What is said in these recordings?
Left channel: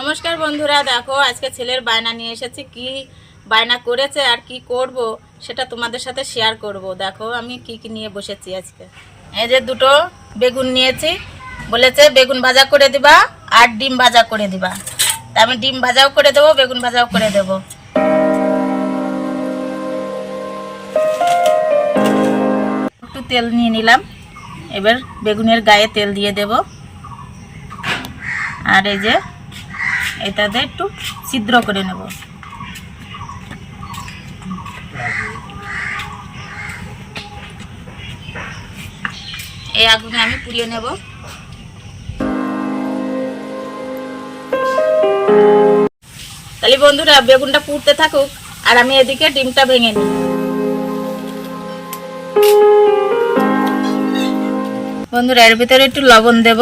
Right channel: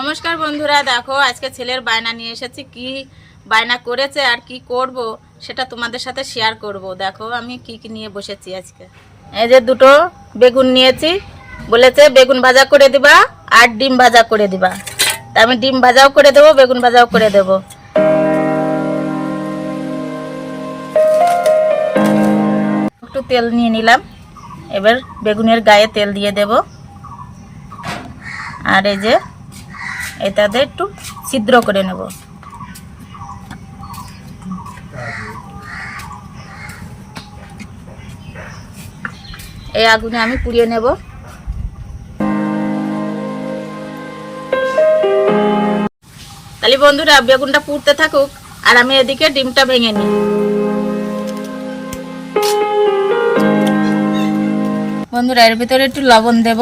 নমস্কার বন্ধুরা, দেখো আজকে ছেলের বায়না নিয়ে এসেছি। কি বায়না করেছে আর কি করব সেটা তোমাদের সাথে শেয়ার করব। দেখো আমি কি কি নিয়ে বসেছি আজকে। এই যে দুটো বেগুন নিয়েছি, বলেছে বেগুন ভাজা করে দিবা আর ডিম ভাজা করে দিবা। তা আমি ডিম ভাজাও করে দেবো, বেগুন ভাজাও করে দেবো। একটু তেল নিয়ে নিলাম, এবার বেগুনের গায়ে তেল দিয়ে দেব। আর এই যে এটাতে একটু ছিদ্র করে নেব। এই আগুনে আমি পুড়িয়ে নেব। তাহলে বন্ধুরা বেগুনটা পুড়তে থাকুক আর আমি এদিকে ডিমটা ভেঙে নিই। বন্ধুরা এর ভিতরে একটু লবণ দেব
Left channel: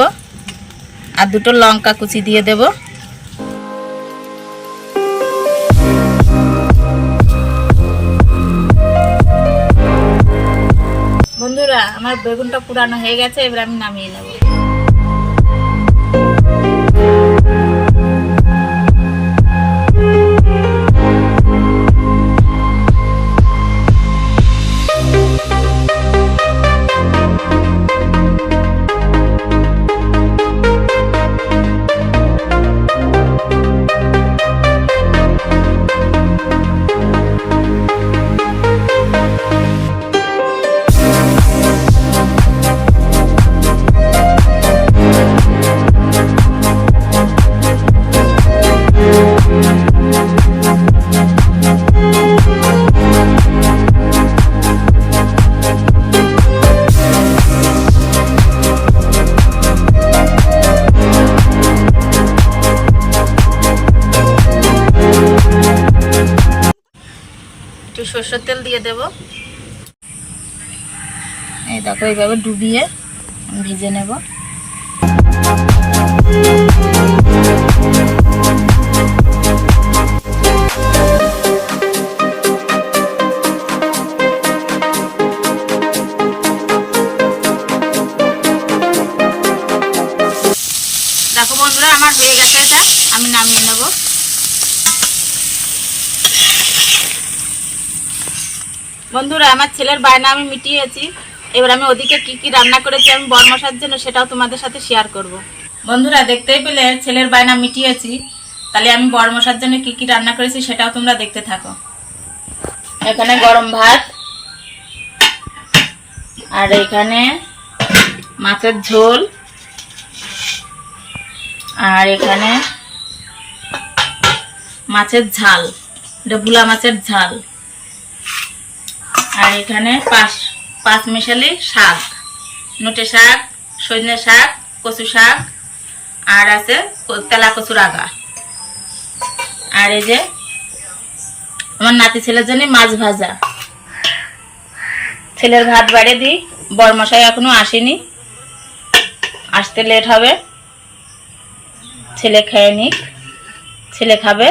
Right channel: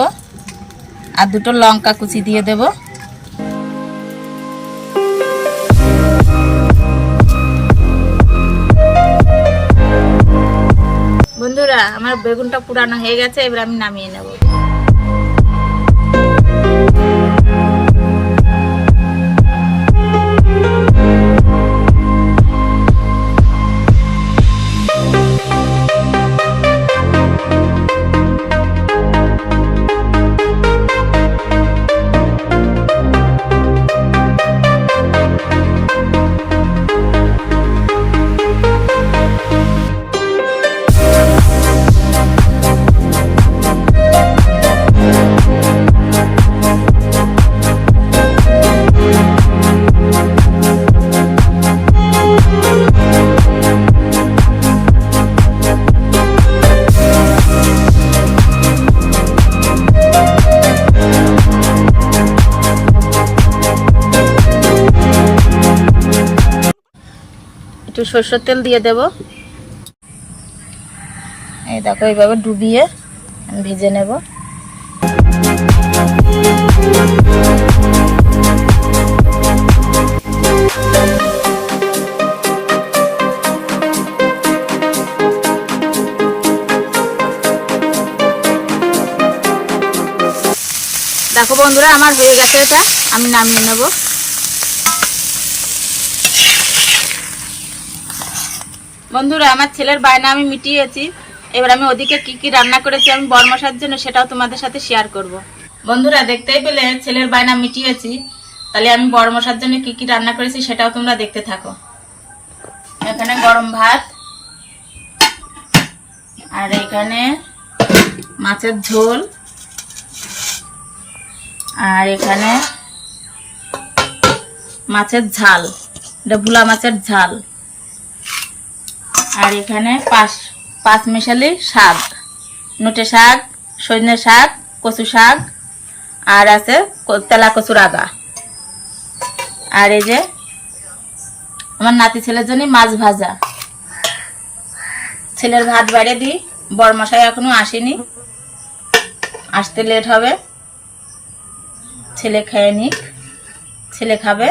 আর দুটো লঙ্কা কুচি দিয়ে দেব। বন্ধুরা আমার বেগুনটা পুরানো হয়ে গেছে, এবার আমি নামিয়ে নেব। একটু সরষের তেল দিয়ে দেব। এই দেখো এইভাবে ডুবিয়ে আমি ভেজে নেব। দেখো বন্ধুরা আমার হয়ে গেছে, এটা আমি নামিয়ে নেব। বন্ধুরা আমার ছেলের বায়না আমি মিটিয়েছি, এবার আমি ওদিকে কি কি রান্না করেছি আমি বরমশার জন্য সেটাও তোমাদের সাথে শেয়ার করব। বন্ধুরা দেখতেই পেলে ছেলের বায়না মিটিয়েছি, তাহলে আমি বরমশার জন্য কি কি রান্না করেছি সেটাও তোমরা দেখতে থাকো। এখানে গরম ভাত, আর এখানে মাছের ঝোল, আর এখানে মাছের ঝাল, এটা ভুলা মাছের ঝাল, আর এখানে পাঁচ মিশালি শাক, নোটে শাক, সজনে শাক, কচু শাক, আর আছে তেলা কচুর আগা। আর এই যে আমার নাতি ছেলের জন্য মাছ ভাজা। ছেলের ভাত বাইরে দিই, বরমশাই এখনো আসেনি, আসতে লেট হবে। ছেলে খেয়ে নিক, ছেলে খাবে।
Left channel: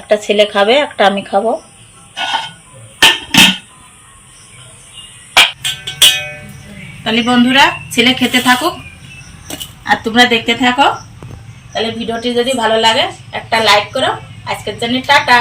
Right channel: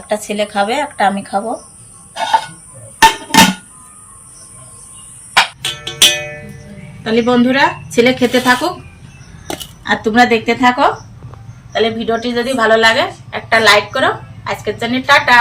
একটা ছেলে খাবে, একটা আমি খাবো। তাহলে বন্ধুরা ছেলে খেতে থাকুক আর তোমরা দেখতে থাকো। তাহলে ভিডিওটি যদি ভালো লাগে একটা লাইক করো। আজকের জন্য টাটা।